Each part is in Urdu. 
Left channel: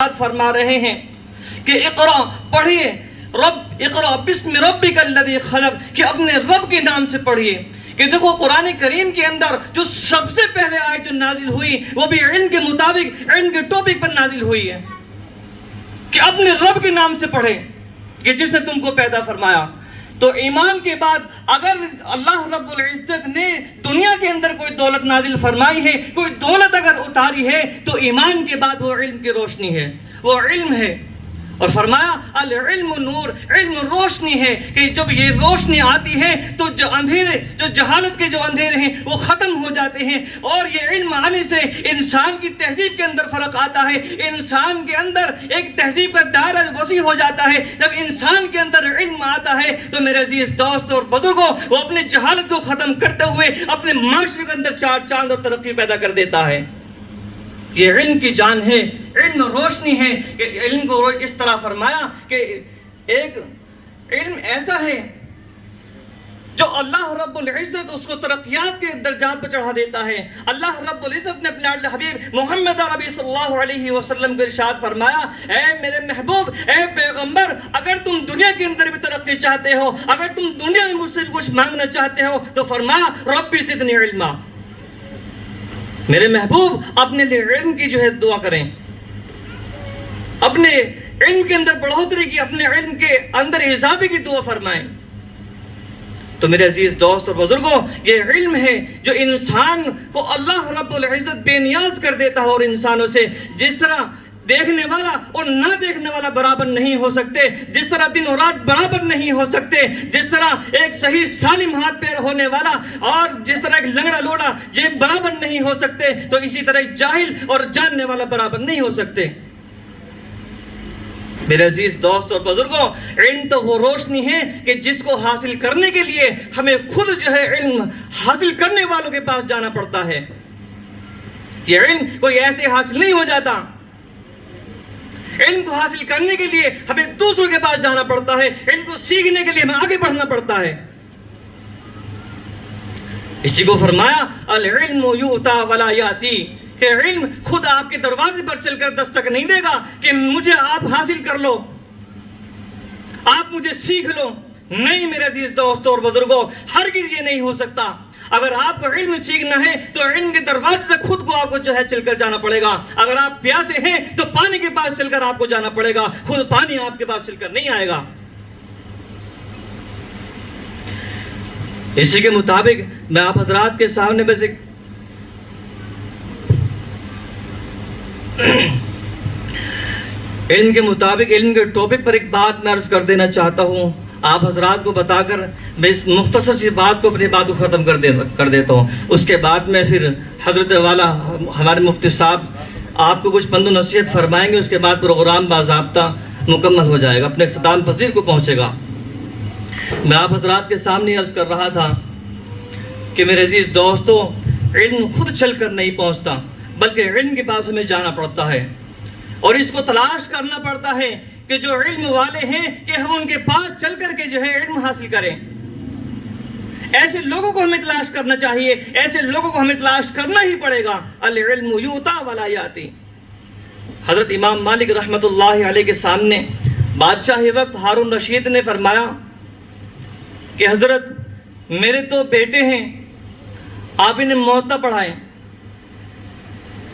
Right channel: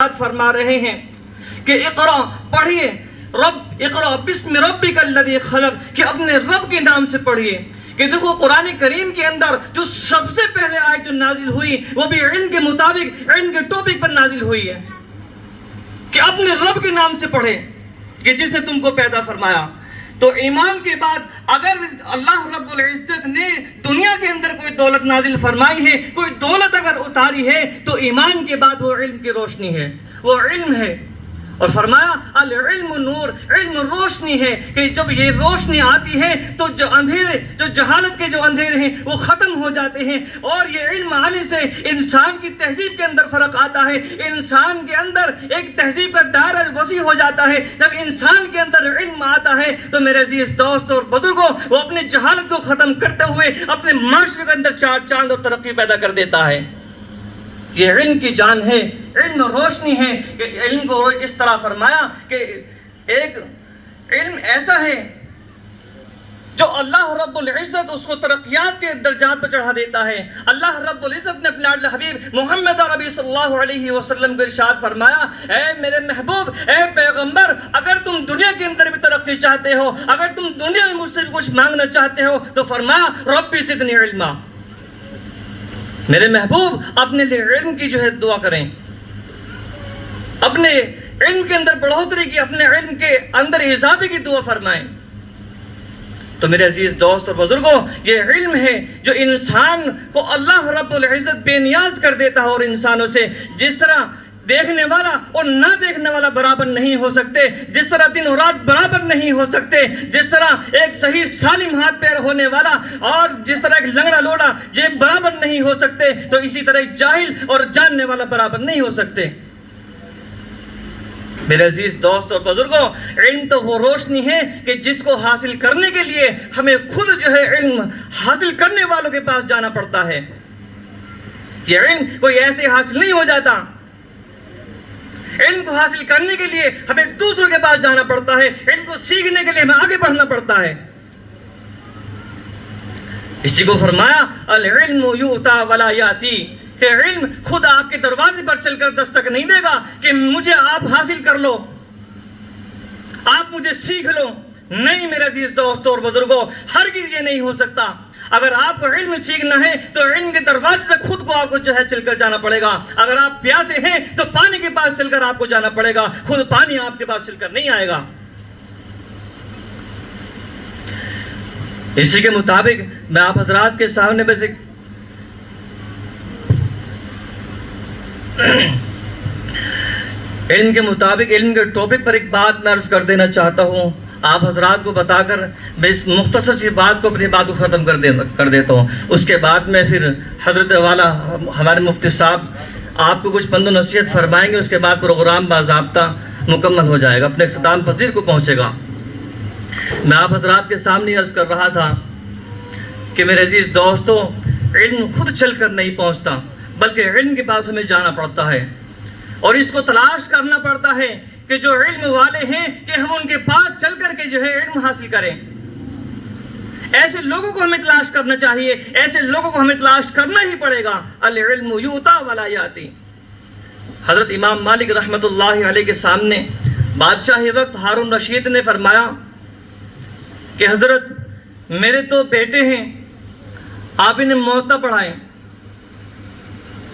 فرما رہے ہیں کہ اقرا پڑھیے، اقرا بسم ربک الذی خلق، کہ اپنے رب کے نام سے پڑھیے۔ کہ دیکھو قرآن کریم کے اندر جو سب سے پہلے آیت جو نازل ہوئی وہ بھی علم کے مطابق علم کے ٹاپک پر نازل ہوئی ہے کہ اپنے رب کے نام سے پڑھے کہ جس نے تم کو پیدا فرمایا۔ تو ایمان کے بعد اگر اللہ رب العزت نے دنیا کے اندر کوئی دولت نازل فرمائی ہے، کوئی دولت اگر اتاری ہے، تو ایمان کے بعد وہ علم کی روشنی ہے، وہ علم ہے۔ اور فرمایا العلم نور، علم روشنی ہے کہ جب یہ روشنی آتی ہے تو جو اندھیرے، جو جہالت کے جو اندھیرے ہیں وہ ختم ہو جاتے ہیں، اور یہ علم آنے سے انسان کی تہذیب کے اندر فرق آتا ہے، انسان کے اندر ایک تہذیب کا دائرہ وسیع ہو جاتا ہے۔ جب انسان کے اندر علم آتا ہے تو میرے عزیز دوست اور بزرگوں، وہ اپنے جہالت کو ختم کرتے ہوئے اپنے معاشرے کے اندر چاند اور ترقی پیدا کر دیتا ہے۔ یہ علم کی جان ہے، علم روشنی ہے کہ علم کو اس طرح فرمایا کہ ایک علم ایسا ہے جو اللہ رب العزت اس کو ترقیات کے درجات پر چڑھا دیتا ہے۔ اللہ رب العزت نے اپنے حبیب محمد عربی صلی اللہ علیہ وسلم کو ارشاد فرمایا، اے میرے محبوب، اے پیغمبر، اگر تم دنیا کے اندر بھی ترقی چاہتے ہو، اگر تم دنیا میں مجھ سے بھی کچھ مانگنا چاہتے ہو تو فرمایا ربی زدنی علما، میرے محبوب اپنے لیے علم کی جو ہے دعا کریں، اپنے علم کے اندر بڑھوتری کی، اپنے علم کے اندر اضافے کی دعا فرمائیں۔ تو میرے عزیز دوست اور بزرگوں، یہ علم ہے جو انسان کو اللہ رب العزت بے نیاز کر دیتا ہے، اور انسانوں سے جس طرح دیکھنے والا اور نہ دیکھنے والا برابر نہیں ہو سکتے، جس طرح دن اور رات برابر نہیں ہو سکتے، جس طرح ایک صحیح سالم ہاتھ پیر ہونے والا اور جس طرح ایک لنگڑا لوڑا یہ برابر نہیں ہو سکتے، تو اسی طرح جاہل اور جاننے والا برابر نہیں ہو سکتے۔ میرے عزیز دوست اور بزرگوں، علم تو وہ روشنی ہے کہ جس کو حاصل کرنے کے لیے ہمیں خود جو ہے علم حاصل کرنے والوں کے پاس جانا پڑتا ہے۔ یہ علم کوئی ایسے حاصل نہیں ہو جاتا، علم کو حاصل کرنے کے لیے ہمیں دوسروں کے پاس جانا پڑتا ہے، علم کو سیکھنے کے لیے ہمیں آگے بڑھنا پڑتا ہے۔ اسی کو فرمایا العلم یؤتی ولا یاتی، کہ علم خود آپ کے دروازے پر چل کر دستک نہیں دے گا کہ مجھے آپ حاصل کر لو، آپ مجھے سیکھ لو۔ نہیں میرے عزیز دوستوں اور بزرگوں، ہرگز یہ نہیں ہو سکتا۔ اگر آپ کو علم سیکھنا ہے تو علم کے دروازے تک خود کو آپ کو جو ہے چل کر جانا پڑے گا۔ اگر آپ پیاسے ہیں تو پانی کے پاس چل کر آپ کو جانا پڑے گا، خود پانی آپ کے پاس چل کر نہیں آئے گا۔ اسی کے مطابق میں آپ حضرات کے سامنے بس ایک علم کے مطابق علم کے ٹاپک پر ایک بات میں عرض کر دینا چاہتا ہوں، آپ حضرات کو بتا کر میں اس مختصر سی بات کو اپنی بات کو ختم کر دیتا ہوں۔ اس کے بعد میں پھر حضرت والا ہمارے مفتی صاحب آپ کو کچھ پند و نصیحت فرمائیں گے، اس کے بعد پروگرام باضابطہ مکمل ہو جائے گا، اپنے اختتام پذیر کو پہنچے گا۔ میں آپ حضرات کے سامنے عرض کر رہا تھا کہ میرے عزیز دوستو، علم خود چل کر نہیں پہنچتا، بلکہ علم کے پاس ہمیں جانا پڑتا ہے، اور اس کو تلاش کرنا پڑتا ہے کہ جو علم والے ہیں کہ ہم ان کے پاس چل کر کے جو ہے علم حاصل کریں۔ ایسے لوگوں کو ہمیں تلاش کرنا چاہیے، ایسے لوگوں کو ہمیں تلاش کرنا ہی پڑے گا۔ العلم یؤتی ولا یاتی۔ حضرت امام مالک رحمت اللہ علیہ کے سامنے بادشاہ وقت ہارون رشید نے فرمایا کہ حضرت میرے تو بیٹے ہیں، آپ انہیں موطا پڑھائیں۔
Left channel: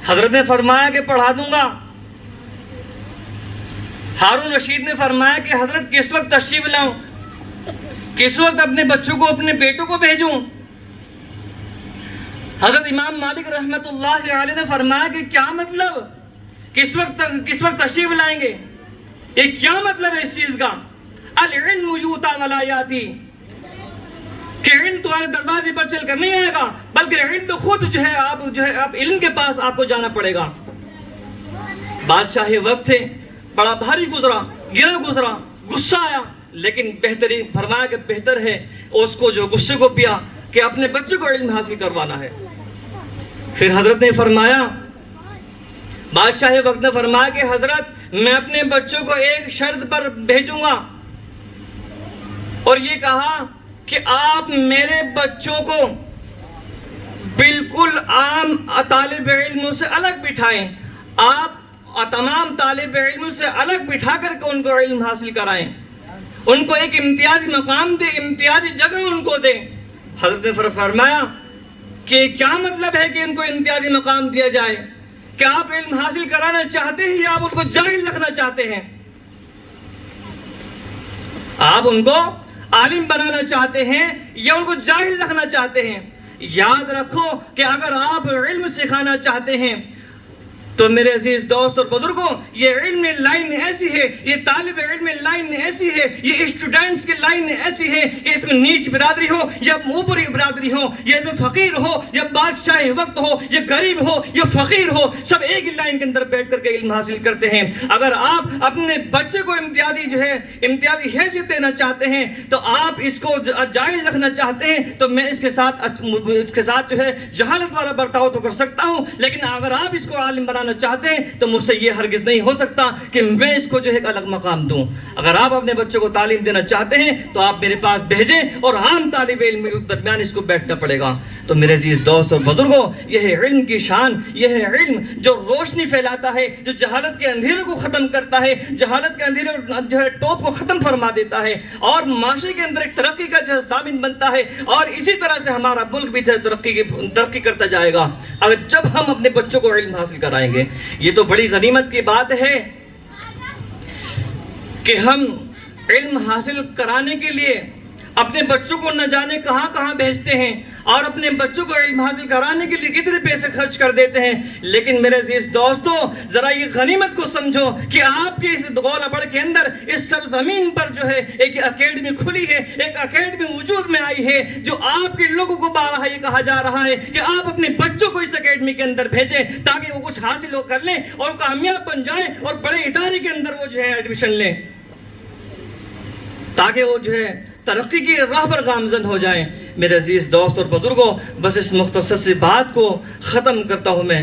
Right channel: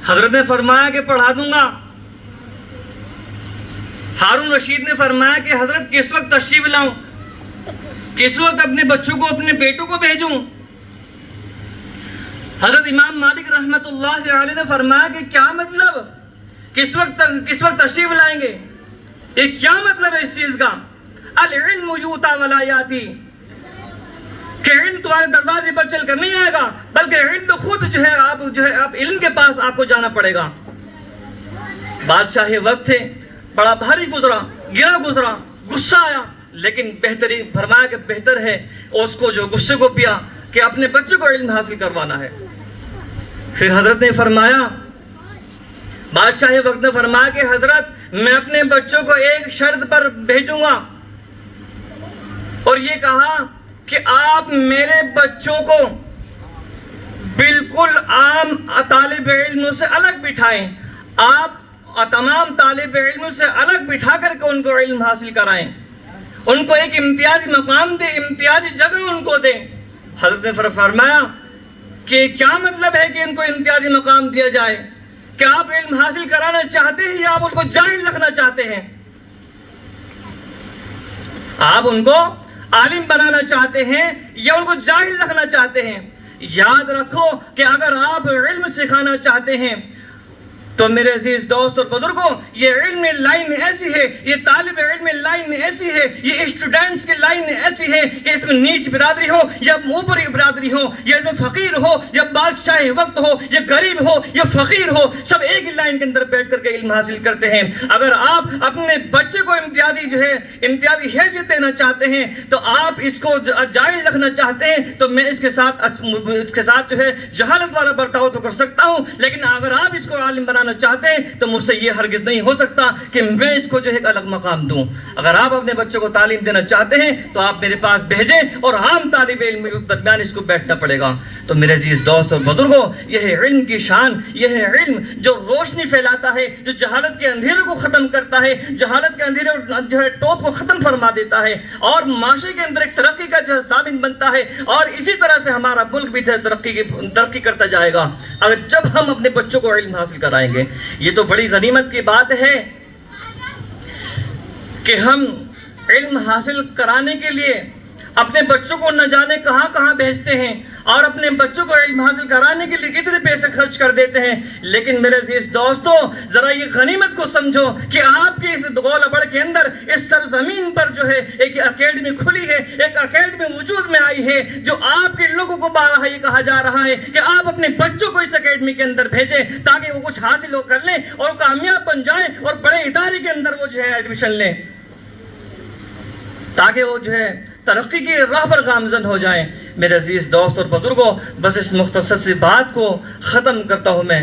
حضرت نے فرمایا کہ پڑھا دوں گا۔ ہارون رشید نے فرمایا کہ حضرت کس وقت تشریف لاؤں، کس وقت اپنے بچوں کو، اپنے بیٹوں کو بھیجوں؟ حضرت امام مالک رحمت اللہ علیہ نے فرمایا کہ کیا مطلب، کس وقت تشریف لائیں گے، یہ کیا مطلب ہے اس چیز کا؟ العلم یؤتی ولا یاتی، کہ علم تمہارے دروازے پر چل کر نہیں آئے گا، بلکہ علم تو خود جو ہے آپ علم کے پاس آپ کو جانا پڑے گا۔ بادشاہ وقت تھے، بڑا بھاری گزرا، گرا گزرا، غصہ آیا، لیکن بہترین فرمایا کہ بہتر ہے اس کو جو غصے کو پیا کہ اپنے بچوں کو علم حاصل کروانا ہے۔ پھر حضرت نے فرمایا، بادشاہ وقت نے فرمایا کہ حضرت میں اپنے بچوں کو ایک شرط پر بھیجوں گا، اور یہ کہا کہ آپ میرے بچوں کو بالکل عام طالب علموں سے الگ بٹھائیں، آپ اور تمام طالب علموں سے الگ بٹھا کر کے ان کو علم حاصل کرائیں، ان کو ایک امتیازی مقام دیں، امتیازی جگہ ان کو دیں۔ حضرت نے فرمایا کہ کیا مطلب ہے کہ ان کو امتیازی مقام دیا جائے؟ کہ آپ علم حاصل کرانا چاہتے ہیں یا آپ ان کو جاہل رکھنا چاہتے ہیں؟ آپ ان کو عالم بنانا چاہتے ہیں یا ان کو جاہل رکھنا چاہتے ہیں؟ یاد رکھو کہ اگر آپ علم سکھانا چاہتے ہیں تو میرے عزیز دوست اور بزرگوں، یہ علم لائن ایسی ہے، یہ طالب علم لائن ایسی ہے، یہ اسٹوڈنٹس کی لائن ایسی ہے کہ اس میں نیچ برادری ہو یا اوپری برادری ہو، یا اس میں فقیر ہو یا بادشاہ وقت ہو یا غریب ہو یا فقیر ہو، سب ایک ہی لائن کے اندر بیٹھ کر کے علم حاصل کرتے ہیں۔ اگر آپ اپنے بچے کو امتیازی حیثیت دینا چاہتے ہیں تو آپ اس کو جائز رکھنا چاہتے ہیں تو میں اس کے ساتھ جہالت والا برتاؤ تو کر سکتا ہوں، لیکن اگر آپ اس کو عالم بنانا چاہتے ہیں تو مجھ سے یہ ہرگز نہیں ہو سکتا کہ میں اس کو ایک الگ مقام دوں۔ اگر آپ اپنے بچوں کو تعلیم دینا چاہتے ہیں تو آپ میرے پاس بھیجیں اور عام طالب علم کے درمیان اس کو بیٹھنا پڑے گا۔ تو میرے عزیز دوست اور بزرگوں، یہ ہے علم کی شان، یہ ہے علم جو روشنی پھیلاتا ہے، جو جہالت کے اندھیرے کو ختم کرتا ہے، جہالت کے اندھیرے ٹوپ کو ختم فرما دیتا ہے اور معاشرے کے اندر ایک ترقی کا ضامن بنتا ہے، اور اسی طرح سے ہمارا ملک بھی ترقی کرتا جائے گا اگر جب ہم اپنے بچوں کو علم حاصل کرائیں گے۔ یہ تو بڑی غنیمت کی بات ہے کہ ہم علم حاصل کرانے کے لیے اپنے بچوں کو نہ جانے کہاں کہاں بھیجتے ہیں اور اپنے بچوں کو علم حاصل کرانے کے لیے کتنے پیسے خرچ کر دیتے ہیں، لیکن میرے عزیز دوستو ذرا یہ غنیمت کو سمجھو کہ آپ کے اس گولابڑ کے اندر، اس سرزمین پر ایک اکیڈمی کھلی ہے، ایک اکیڈمی وجود میں آئی ہے، جو آپ کے لوگوں کو بارہا یہ کہا جا رہا ہے کہ آپ اپنے بچوں کو اس اکیڈمی کے اندر بھیجیں تاکہ وہ کچھ حاصل کر لیں اور کامیاب بن جائیں اور بڑے ادارے کے اندر وہ ایڈمیشن لیں، تاکہ وہ ترقی کی راہ پر گامزن ہو جائیں۔ میرے عزیز دوست اور بزرگوں، بس اس مختصر سی بات کو ختم کرتا ہوں میں